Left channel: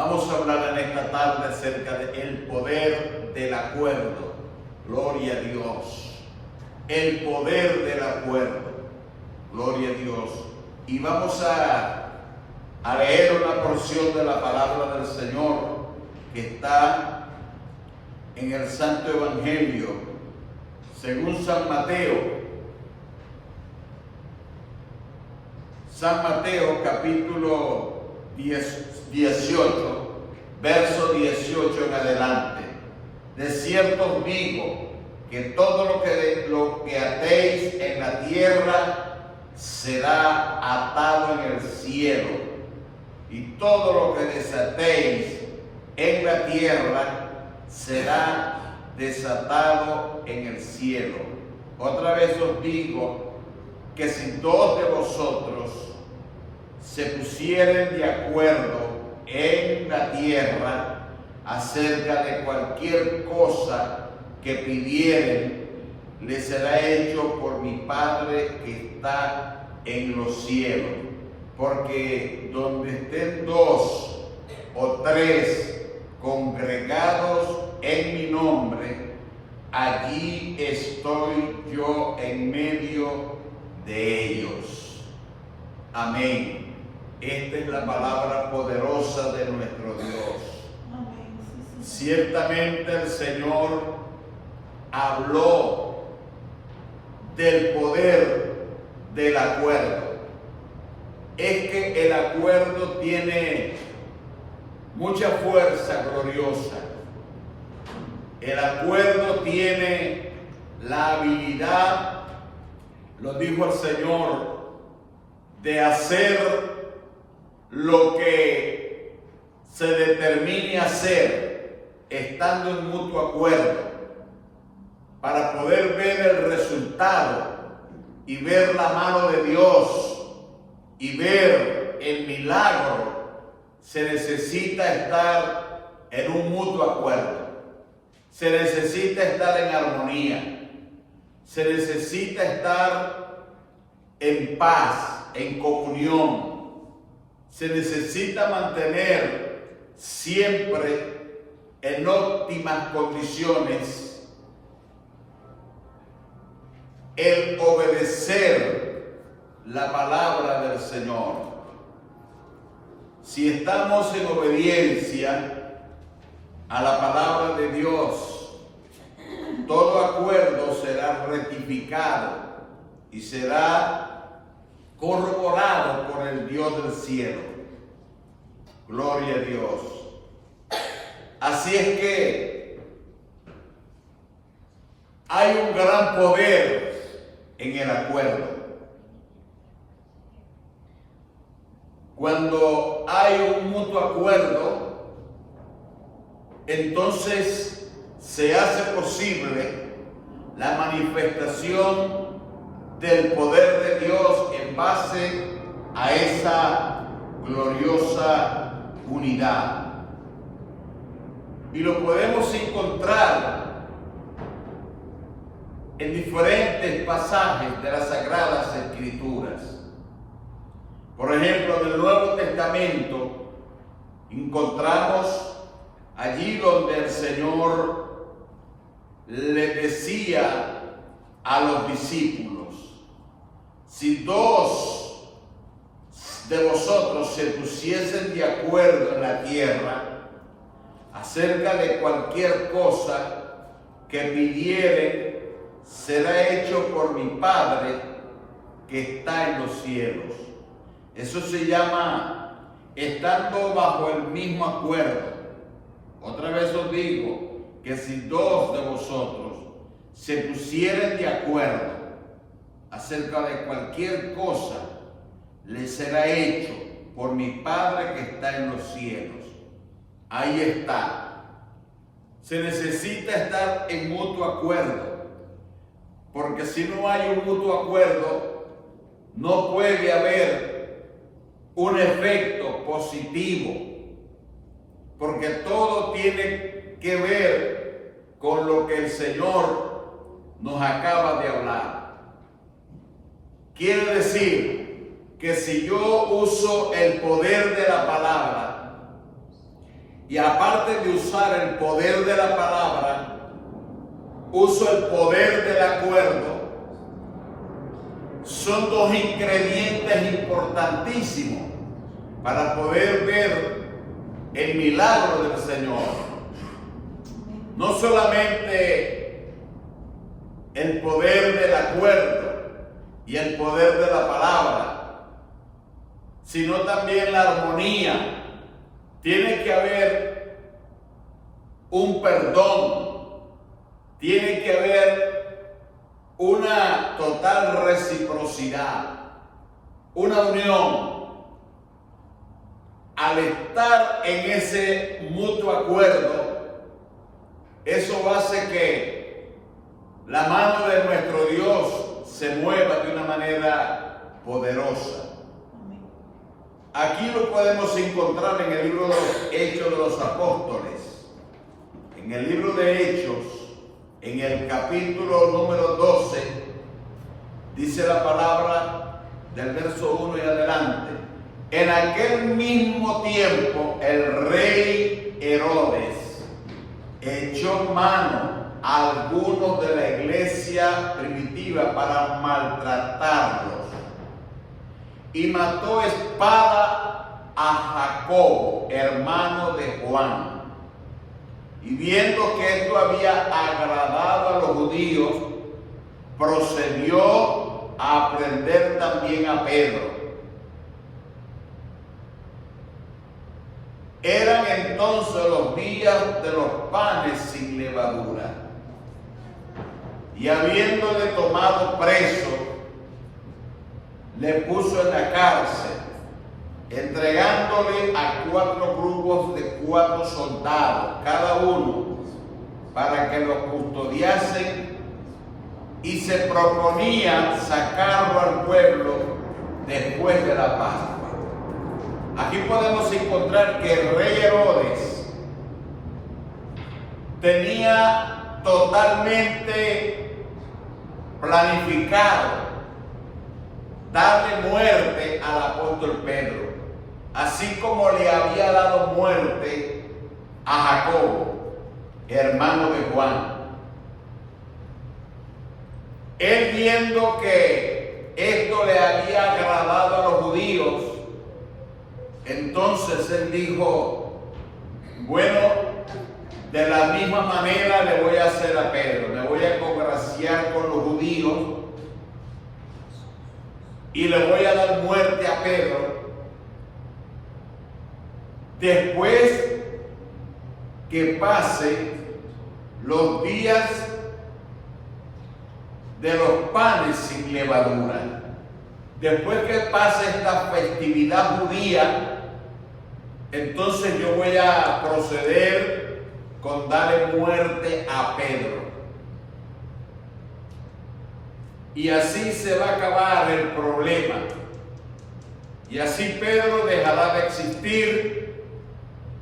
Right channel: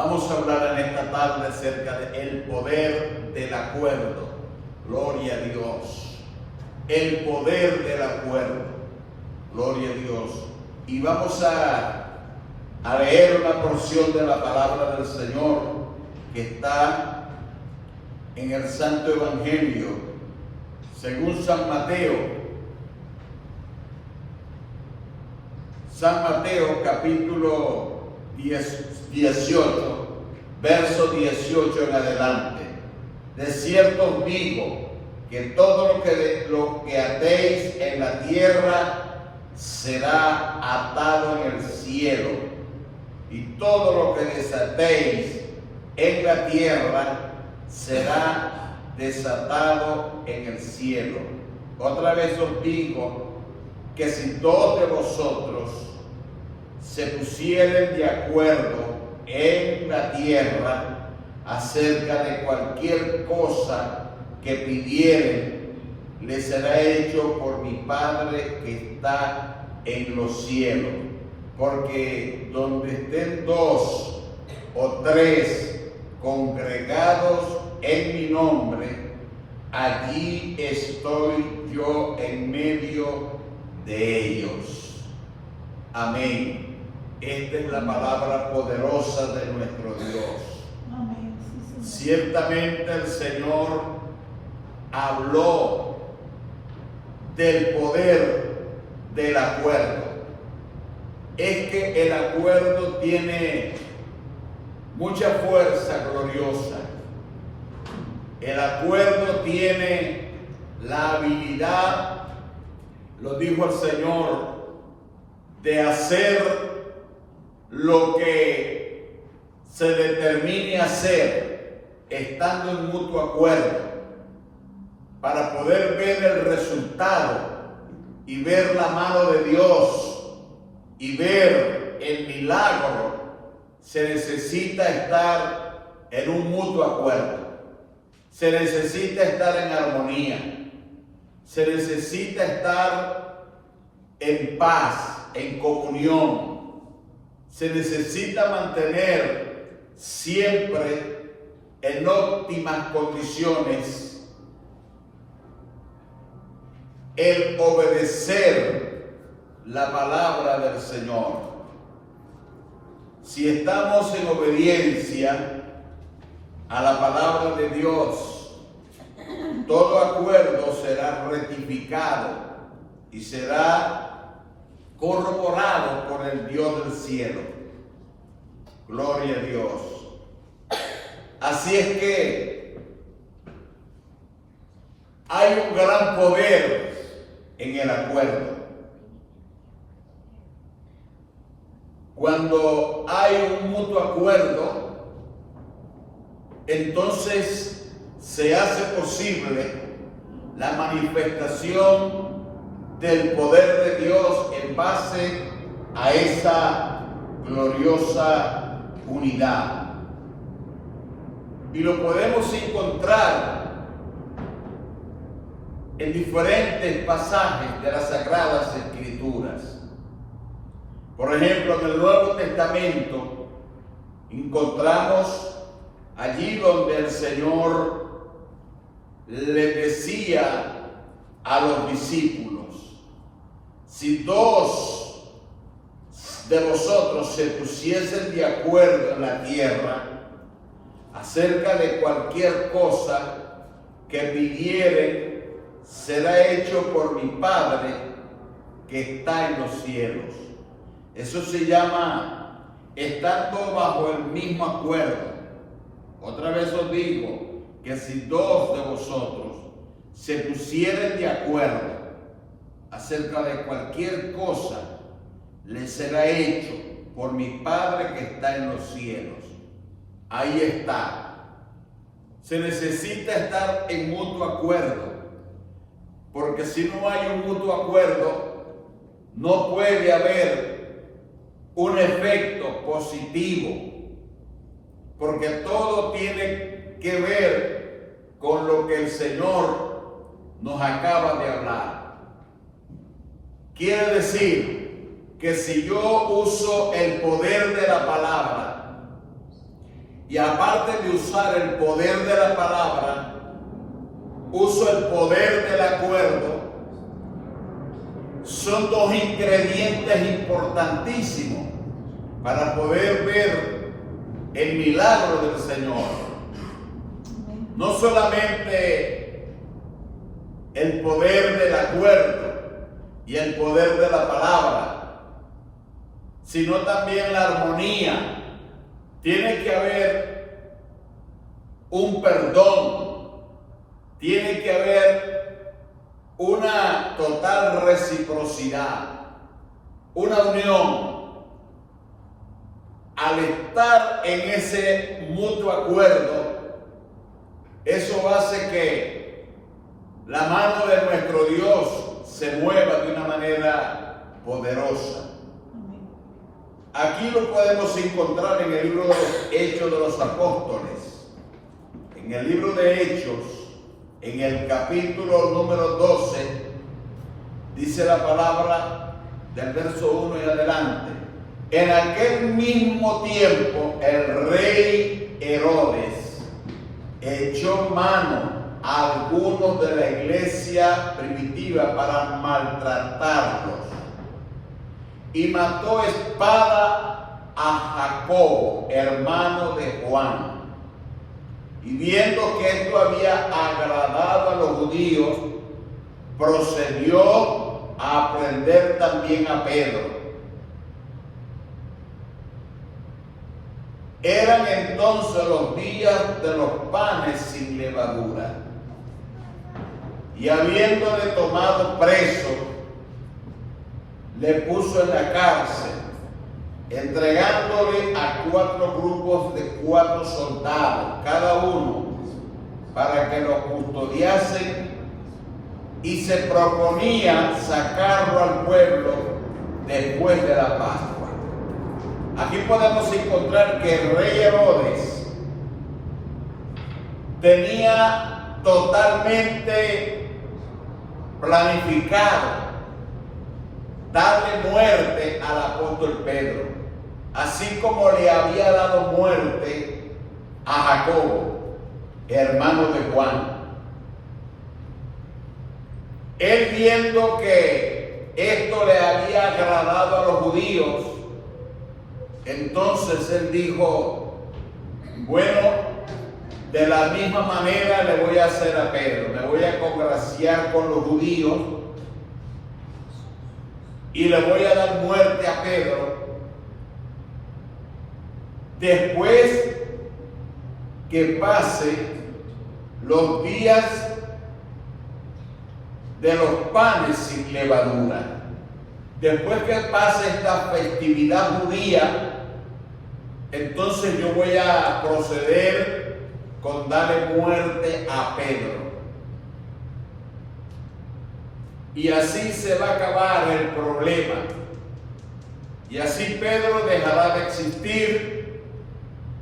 Vamos a hablar en esta tarde acerca del poder del acuerdo. Gloria a Dios. El poder del acuerdo. Gloria a Dios. Y vamos a leer una porción de la palabra del Señor que está en el Santo Evangelio, según San Mateo. San Mateo capítulo 18, verso 18 en adelante. De cierto os digo que todo lo que atéis en la tierra será atado en el cielo, y todo lo que desatéis en la tierra será desatado en el cielo. Otra vez os digo que si dos de vosotros se pusieren de acuerdo en la tierra acerca de cualquier cosa que pidieren, le será hecho por mi Padre que está en los cielos. Porque donde estén dos o tres congregados en mi nombre, allí estoy yo en medio de ellos. Amén. Esta es la palabra poderosa de nuestro Dios. Amén. Ciertamente el Señor habló del poder del acuerdo. Es que el acuerdo tiene mucha fuerza gloriosa. El acuerdo tiene la habilidad, lo dijo el Señor, de hacer lo que se determine hacer, estando en mutuo acuerdo, para poder ver el resultado y ver la mano de Dios y ver el milagro. Se necesita estar en un mutuo acuerdo, se necesita estar en armonía, se necesita estar en paz, en comunión. Se necesita mantener siempre en óptimas condiciones el obedecer la palabra del Señor. Si estamos en obediencia a la palabra de Dios, todo acuerdo será rectificado y será corroborado por el Dios del cielo. Gloria a Dios. Así es que hay un gran poder en el acuerdo. Cuando hay un mutuo acuerdo, entonces se hace posible la manifestación del poder de Dios en base a esa gloriosa unidad. Y lo podemos encontrar en diferentes pasajes de las Sagradas Escrituras. Por ejemplo, en el Nuevo Testamento encontramos allí donde el Señor le decía a los discípulos: si dos de vosotros se pusiesen de acuerdo en la tierra acerca de cualquier cosa que pidieren, será hecho por mi Padre que está en los cielos. Eso se llama estando bajo el mismo acuerdo. Otra vez os digo que si dos de vosotros se pusieren de acuerdo acerca de cualquier cosa, les será hecho por mi Padre que está en los cielos. Ahí está. Se necesita estar en mutuo acuerdo, porque si no hay un mutuo acuerdo, no puede haber un efecto positivo, porque todo tiene que ver con lo que el Señor nos acaba de hablar. Quiere decir que si yo uso el poder de la palabra y aparte de usar el poder de la palabra, uso el poder del acuerdo. Son dos ingredientes importantísimos para poder ver el milagro del Señor. No solamente el poder del acuerdo y el poder de la palabra, sino también la armonía. Tiene que haber un perdón, tiene que haber una total reciprocidad, una unión. Al estar en ese mutuo acuerdo, eso hace que la mano de nuestro Dios se mueva de una manera poderosa. Aquí lo podemos encontrar en el libro de los Hechos de los Apóstoles. En el libro de Hechos, en el capítulo número 12, dice la palabra del verso 1 y adelante. En aquel mismo tiempo el rey Herodes echó mano a algunos de la iglesia primitiva para maltratarlos y mató a espada a Jacobo, hermano de Juan. Y viendo que esto había agradado a los judíos, procedió a prender también a Pedro. Eran entonces los días de los panes sin levadura. Y habiéndole tomado preso, le puso en la cárcel, entregándole a 4 grupos de 4 soldados, cada uno, para que lo custodiasen, y se proponía sacarlo al pueblo después de la Pascua. Aquí podemos encontrar que el rey Herodes tenía totalmente planificado darle muerte al apóstol Pedro, así como le había dado muerte a Jacobo, hermano de Juan. Él, viendo que esto le había agradado a los judíos, entonces él dijo: bueno, de la misma manera le voy a hacer a Pedro, me voy a congraciar con los judíos y le voy a dar muerte a Pedro después que pase los días de los panes sin levadura. Después que pase esta festividad judía, entonces yo voy a proceder con darle muerte a Pedro. Y así se va a acabar el problema. Y así Pedro dejará de existir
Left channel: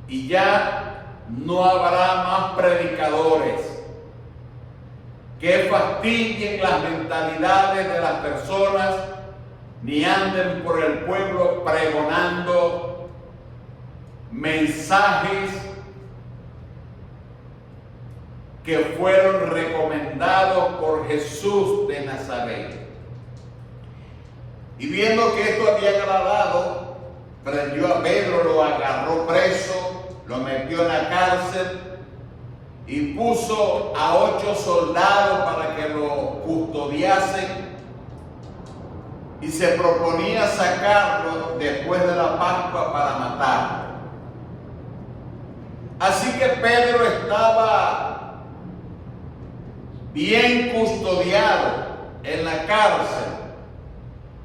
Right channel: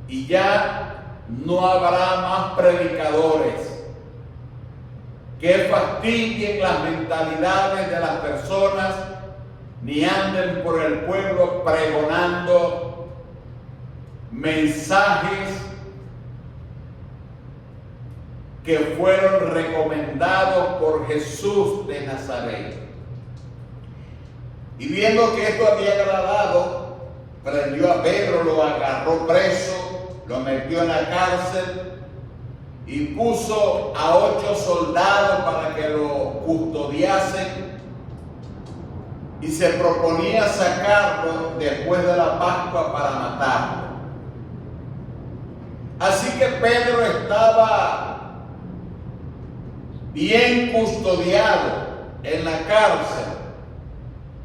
y ya no habrá más predicadores que fastidien las mentalidades de las personas, ni anden por el pueblo pregonando mensajes que fueron recomendados por Jesús de Nazaret. Y viendo que esto había agradado, prendió a Pedro, lo agarró preso, lo metió en la cárcel y puso a 8 soldados para que lo custodiasen, y se proponía sacarlo después de la Pascua para matarlo. Así que Pedro estaba bien custodiado en la cárcel,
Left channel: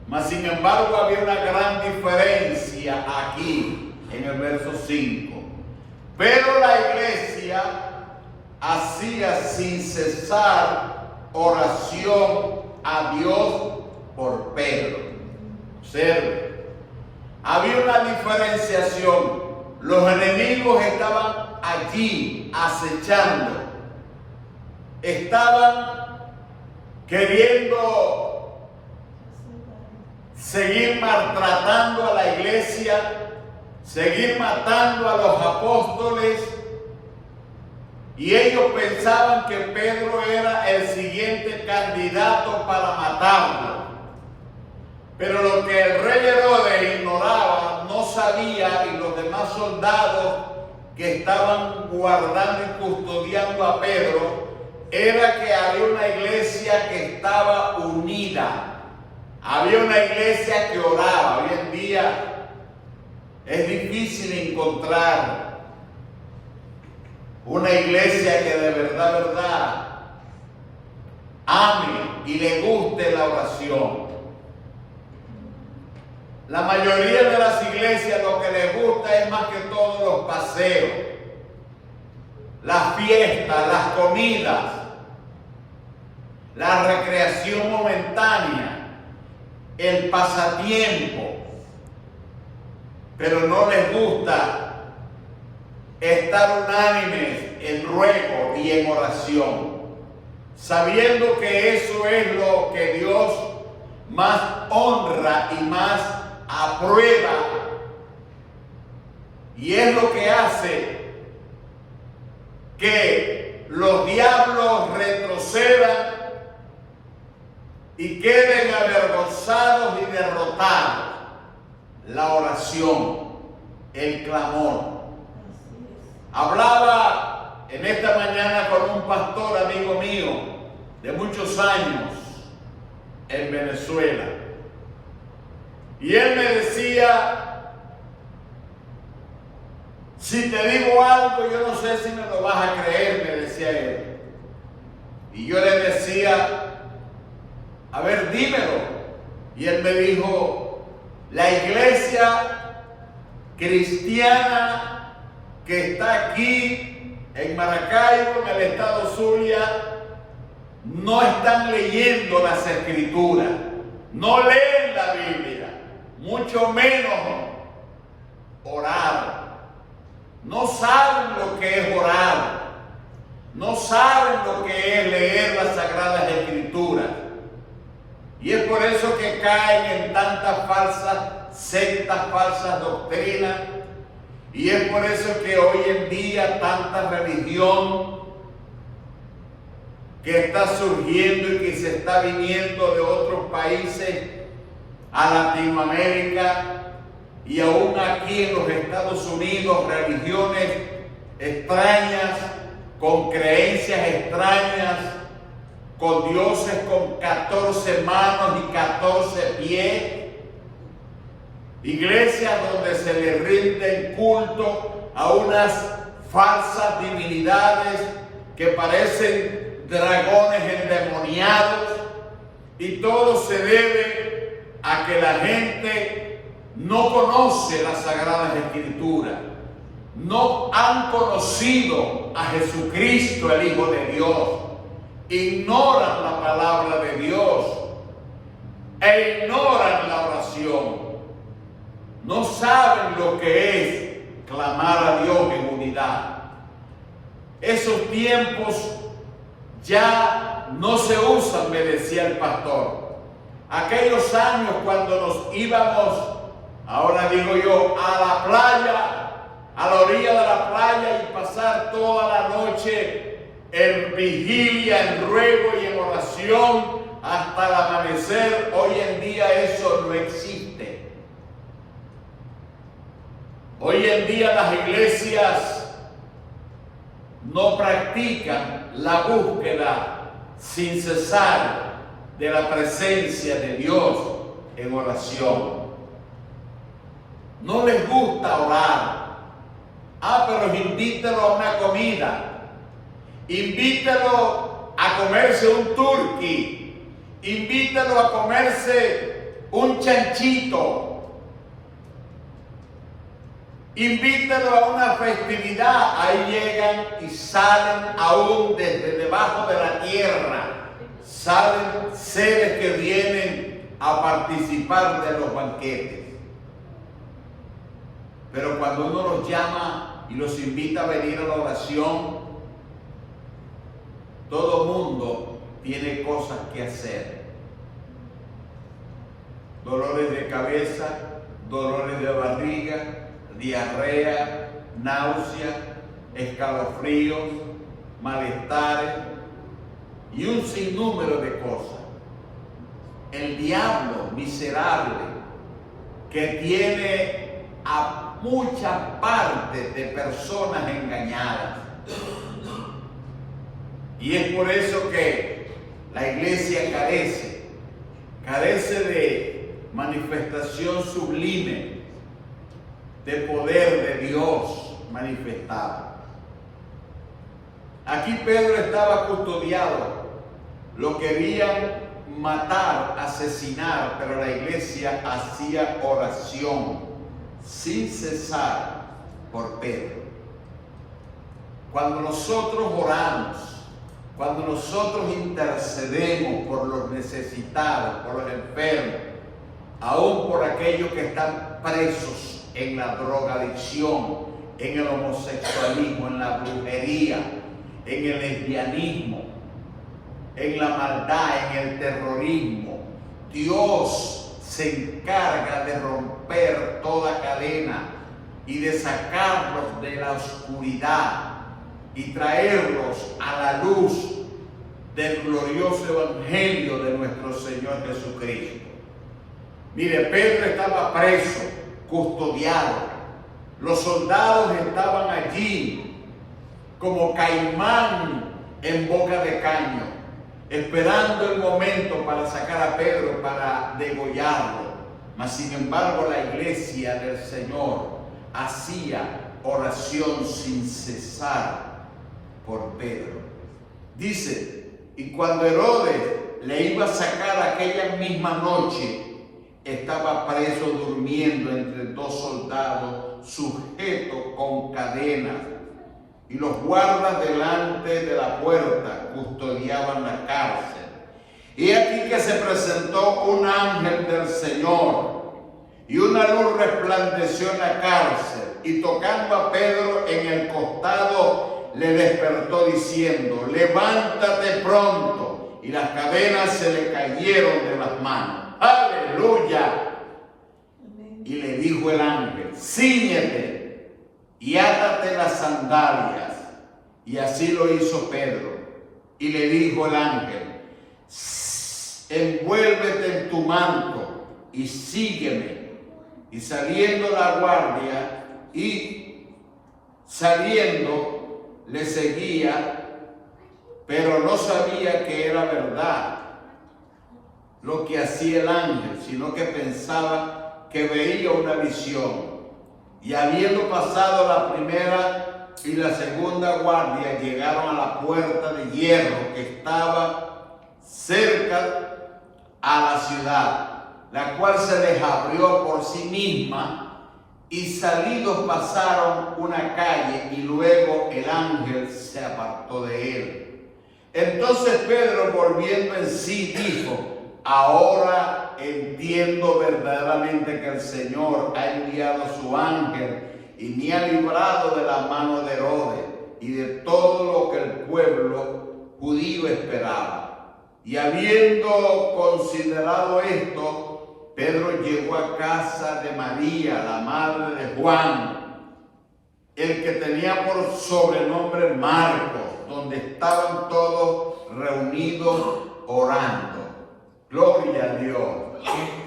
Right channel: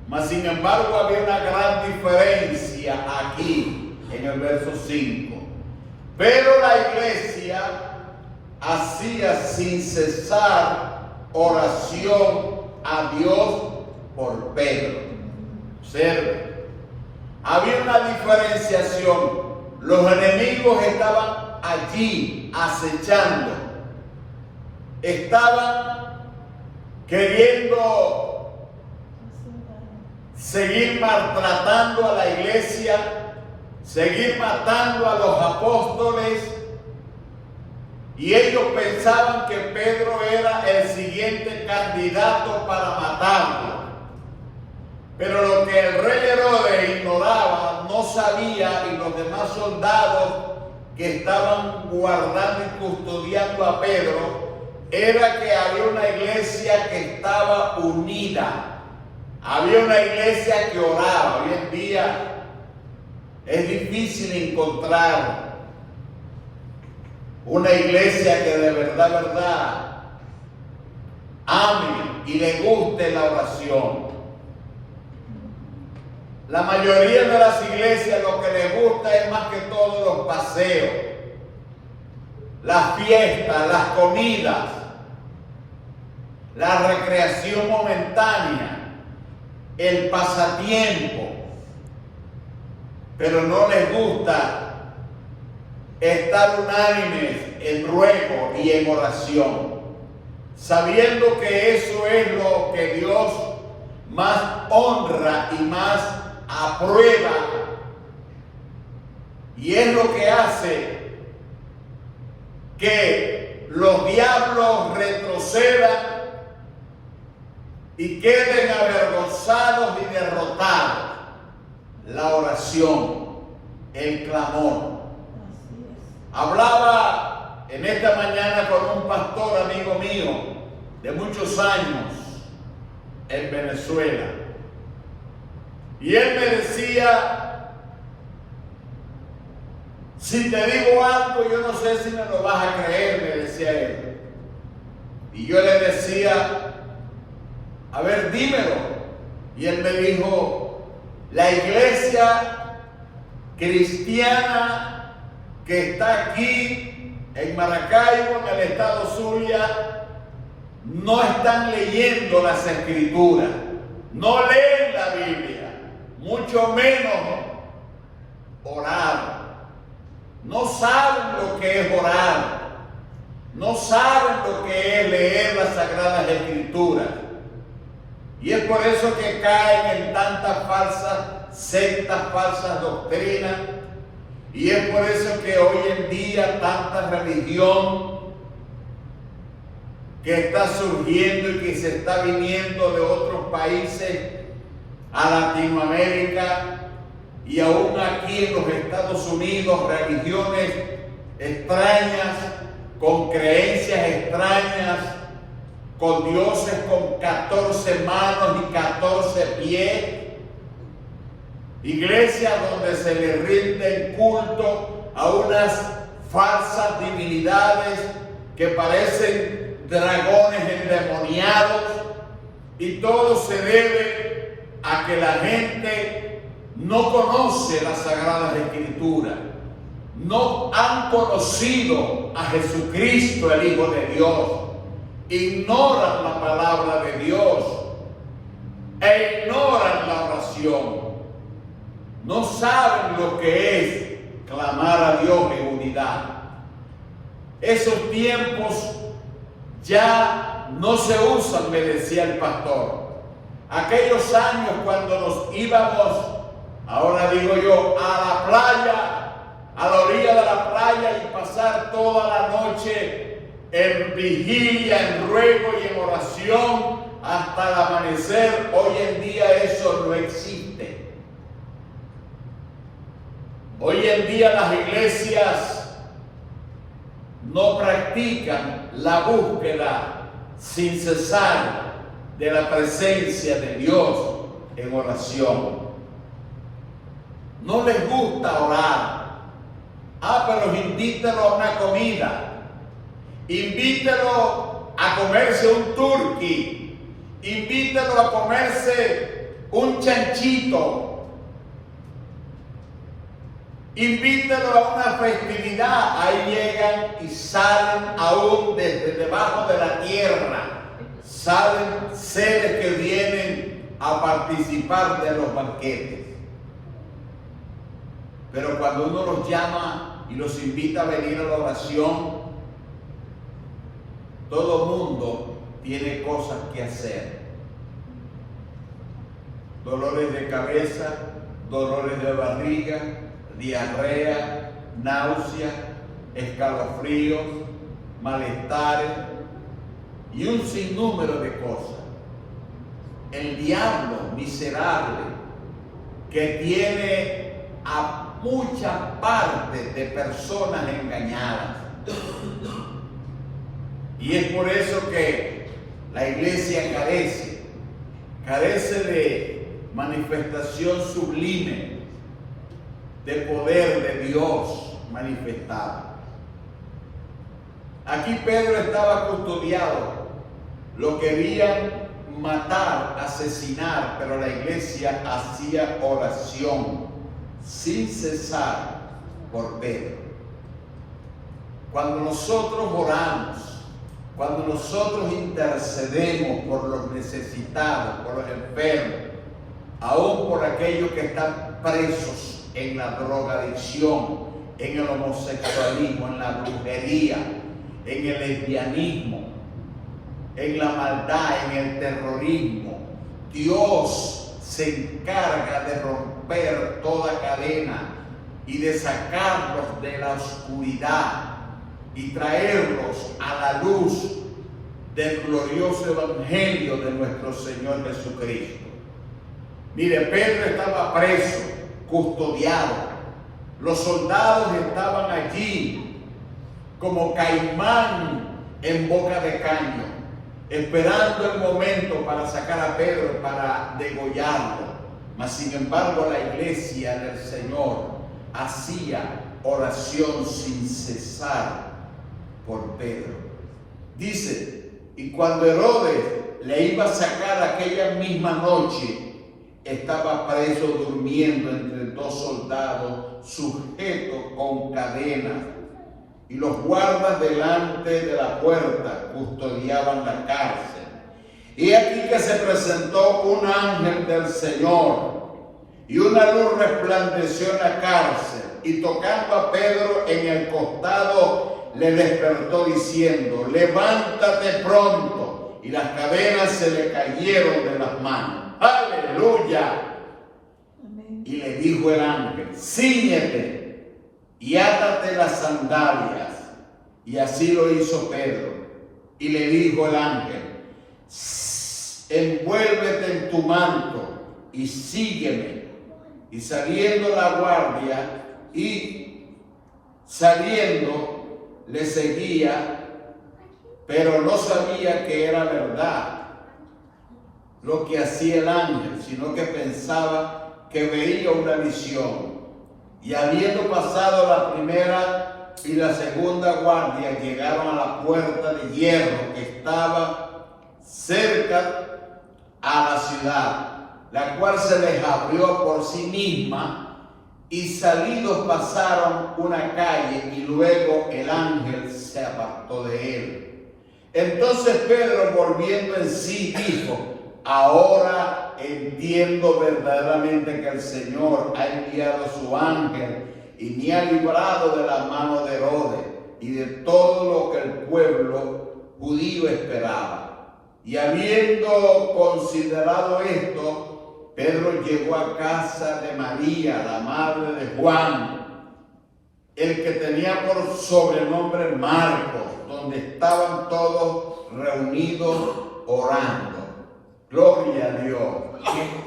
mas sin embargo había una gran diferencia aquí en el verso 5. Pero la iglesia hacía sin cesar oración a Dios por Pedro. Observe, había una diferenciación. Los enemigos estaban allí acechando, estaban queriendo seguir maltratando a la iglesia, seguir matando a los apóstoles, y ellos pensaban que Pedro era el siguiente candidato para matarlo. Pero lo que el rey Herodes ignoraba, no sabía, y los demás soldados que estaban guardando y custodiando a Pedro, era que había una iglesia que estaba unida. Había una iglesia que oraba. Hoy en día es difícil encontrar una iglesia que de verdad ame y le guste la oración. La mayoría de las iglesias lo que les gusta es más que todo los paseos, las fiestas, las comidas, la recreación momentánea, el pasatiempo, pero no les gusta estar unánimes en ruego y en oración, sabiendo que eso es lo que Dios más honra y más aprueba, y es lo que hace que los diablos retrocedan y queden avergonzados y derrotados. La oración, el clamor. Hablaba en esta mañana con un pastor amigo mío de muchos años en Venezuela, y él me decía: si te digo algo, yo no sé si me lo vas a creer, me decía él. Y yo le decía: a ver, dímelo. Y él me dijo: la iglesia cristiana que está aquí en Maracaibo, en el estado Zulia, no están leyendo las escrituras, no leen la Biblia, mucho menos orar. No saben lo que es orar, no saben lo que es leer las sagradas escrituras. Y es por eso que caen en tantas falsas sectas, falsas doctrinas. Y es por eso que hoy en día tanta religión que está surgiendo y que se está viniendo de otros países a Latinoamérica, y aún aquí en los Estados Unidos, religiones extrañas, con creencias extrañas, con dioses con 14 manos y 14 pies. Iglesias donde se le rinde culto a unas falsas divinidades que parecen dragones endemoniados, y todo se debe a que la gente no conoce las Sagradas Escrituras, no han conocido a Jesucristo, el Hijo de Dios, ignoran la palabra de Dios e ignoran la oración. No saben lo que es clamar a Dios en unidad. Esos tiempos ya no se usan, me decía el pastor. Aquellos años cuando nos íbamos, ahora digo yo, a la playa, a la orilla de la playa, y pasar toda la noche en vigilia, en ruego y en oración hasta el amanecer. Hoy en día eso no existe. Hoy en día las iglesias no practican la búsqueda sin cesar de la presencia de Dios en oración. No les gusta orar. Pero invítelo a una comida. Invítelo a comerse un turqui. Invítelo a comerse un chanchito. Invítelo a una festividad. Ahí llegan y salen aún desde debajo de la tierra. Salen seres que vienen a participar de los banquetes. Pero cuando uno los llama y los invita a venir a la oración, todo mundo tiene cosas que hacer. Dolores de cabeza, dolores de barriga, diarrea, náusea, escalofríos, malestares y un sinnúmero de cosas. El diablo miserable que tiene a muchas partes de personas engañadas. Y es por eso que la iglesia carece de manifestación sublime, de poder de Dios manifestado. Aquí Pedro estaba custodiado, lo querían matar, asesinar, pero la iglesia hacía oración sin cesar por Pedro. Cuando nosotros oramos, cuando nosotros intercedemos por los necesitados, por los enfermos, aún por aquellos que están presos en la drogadicción, en el homosexualismo, en la brujería, en el lesbianismo, en la maldad, en el terrorismo, Dios se encarga de romper toda cadena y de sacarlos de la oscuridad y traerlos a la luz del glorioso evangelio de nuestro Señor Jesucristo. Mire, Pedro estaba preso, custodiado. Los soldados estaban allí como caimán en boca de caño, esperando el momento para sacar a Pedro, para degollarlo. Mas sin embargo la iglesia del Señor hacía oración sin cesar por Pedro. Dice, y cuando Herodes le iba a sacar aquella misma noche, estaba preso durmiendo entre dos soldados, sujeto con cadenas, y los guardas delante de la puerta custodiaban la cárcel. Y aquí que se presentó un ángel del Señor, y una luz resplandeció en la cárcel, y tocando a Pedro en el costado, le despertó diciendo, levántate pronto, y las cadenas se le cayeron de las manos. ¡Aleluya! Y le dijo el ángel, cíñete y átate las sandalias. Y así lo hizo Pedro. Y le dijo el ángel, envuélvete en tu manto y sígueme. Y saliendo la guardia le seguía, pero no sabía que era verdad lo que hacía el ángel, sino que pensaba que veía una visión. Y habiendo pasado la primera y la segunda guardia, llegaron a la puerta de hierro que estaba cerca a la ciudad, la cual se les abrió por sí misma, y salidos pasaron una calle, y luego el ángel se apartó de él. Entonces Pedro, volviendo en sí, dijo, ahora entiendo verdaderamente que el Señor ha enviado su ángel y me ha librado de la mano de Herodes y de todo lo que el pueblo judío esperaba. Y habiendo considerado esto, Pedro llegó a casa de María, la madre de Juan, el que tenía por sobrenombre Marcos, donde estaban todos reunidos orando. Gloria a Dios.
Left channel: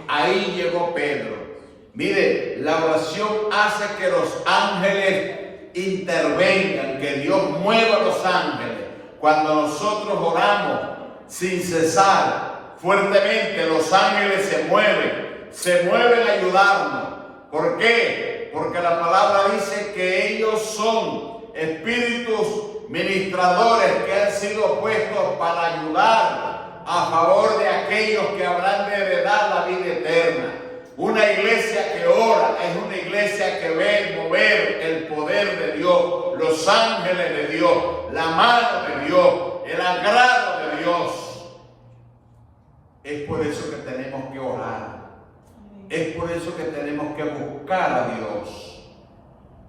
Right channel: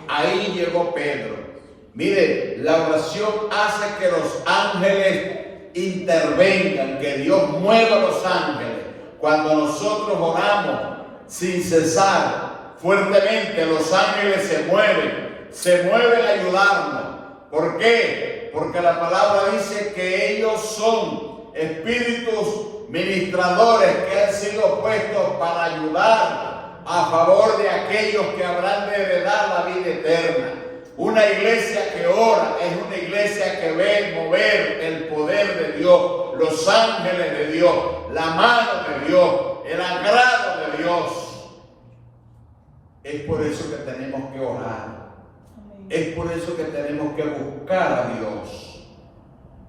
Ahí llegó Pedro. Mire, la oración hace que los ángeles intervengan, que Dios mueva a los ángeles. Cuando nosotros oramos sin cesar, fuertemente, los ángeles se mueven a ayudarnos. ¿Por qué? Porque la palabra dice que ellos son espíritus ministradores que han sido puestos para ayudar a favor de aquellos que habrán de heredar la vida eterna. Una iglesia que ora es una iglesia que ve mover el poder de Dios, los ángeles de Dios, la mano de Dios, el agrado de Dios. Es por eso que tenemos que orar. Es por eso que tenemos que buscar a Dios.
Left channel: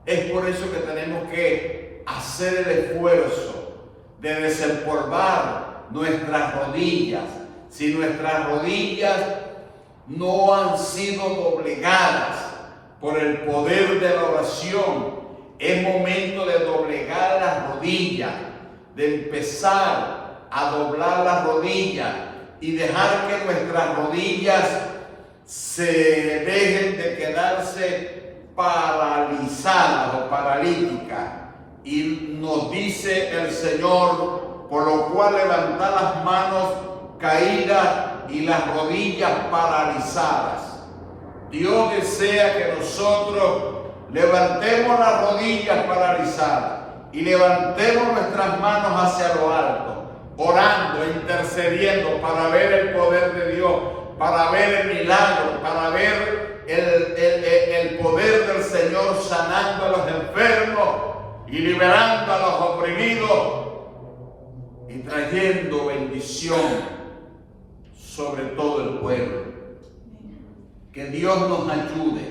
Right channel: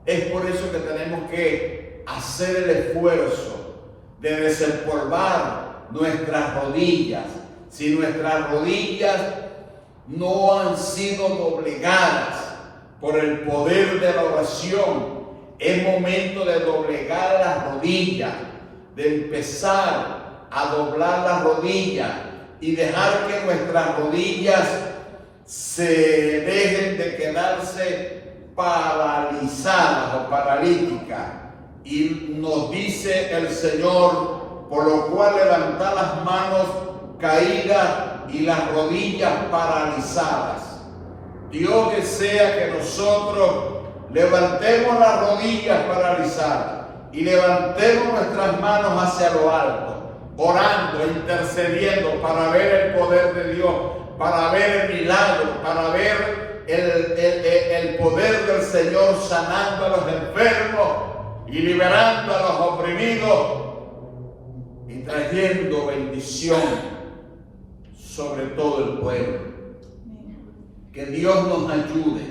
Es por eso que tenemos que hacer el esfuerzo de desempolvar nuestras rodillas. Si nuestras rodillas no han sido doblegadas por el poder de la oración, es momento de doblegar las rodillas, de empezar a doblar las rodillas y dejar que nuestras rodillas se dejen de quedarse paralizadas o paralíticas. Y nos dice el Señor, por lo cual levantad las manos caídas y las rodillas paralizadas. Dios desea que nosotros levantemos las rodillas paralizadas y levantemos nuestras manos hacia lo alto, orando, intercediendo para ver el poder de Dios, para ver el milagro, para ver el poder del Señor sanando a los enfermos y liberando a los oprimidos y trayendo bendición sobre todo el pueblo. Que Dios nos ayude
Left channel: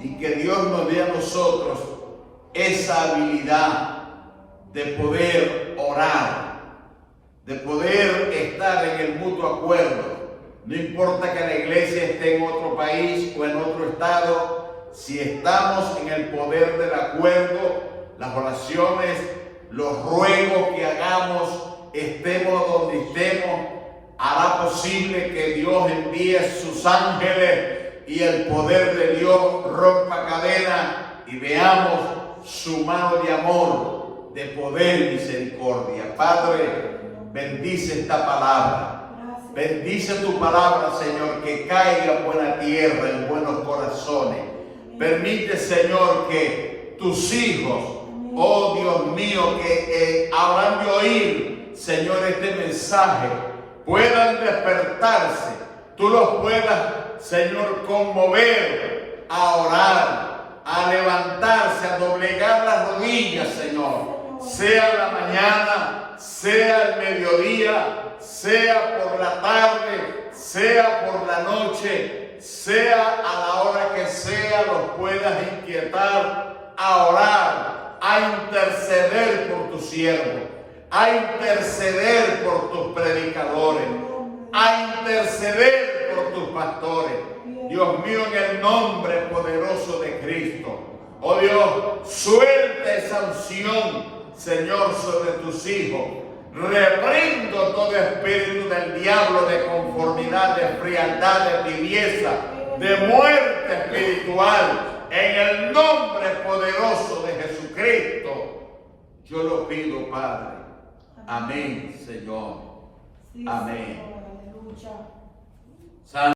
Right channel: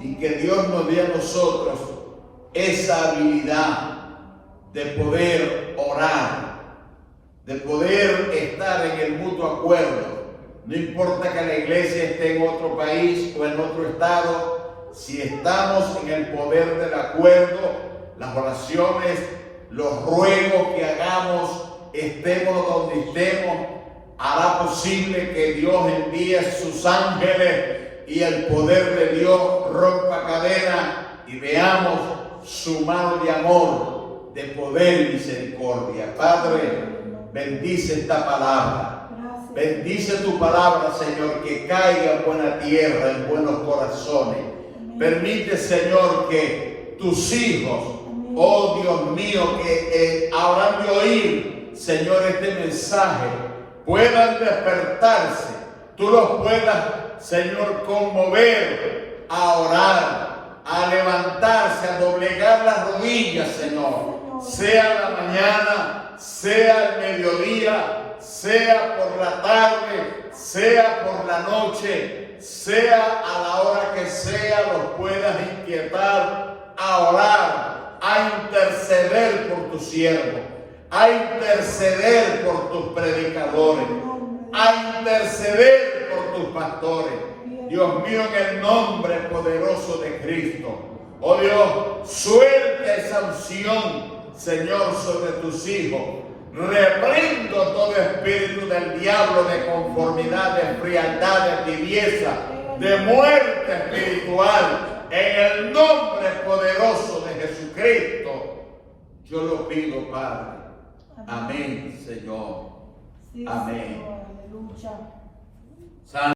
y que Dios nos dé a nosotros esa habilidad de poder orar, de poder estar en el mutuo acuerdo. No importa que la iglesia esté en otro país o en otro estado, si estamos en el poder del acuerdo, las oraciones, los ruegos que hagamos, estemos donde estemos, hará posible que Dios envíe sus ángeles y el poder de Dios rompa cadenas y veamos su mano de amor, de poder y misericordia. Padre, bendice esta palabra. Bendice tu palabra, Señor, que caiga en buena tierra, en buenos corazones. Permite, Señor, que tus hijos, oh Dios mío, que habrán de oír, Señor, este mensaje, puedan despertarse. Tú los puedas, Señor, conmover a orar, a levantarse, a doblegar las rodillas, Señor. Sea la mañana, sea el mediodía, sea por la tarde, sea por la noche, sea a la hora que sea, los puedas inquietar a orar, a interceder por tus siervos, a interceder por tus predicadores, a interceder por tus pastores. Dios mío, en el nombre poderoso de Cristo, oh Dios, suelta esa unción, Señor, sobre tus hijos. Reprendo todo espíritu del diablo de conformidad, de frialdad, de tibieza, de muerte espiritual. En el nombre poderoso de Jesucristo, yo lo pido, Padre. Amén, Señor. Amén.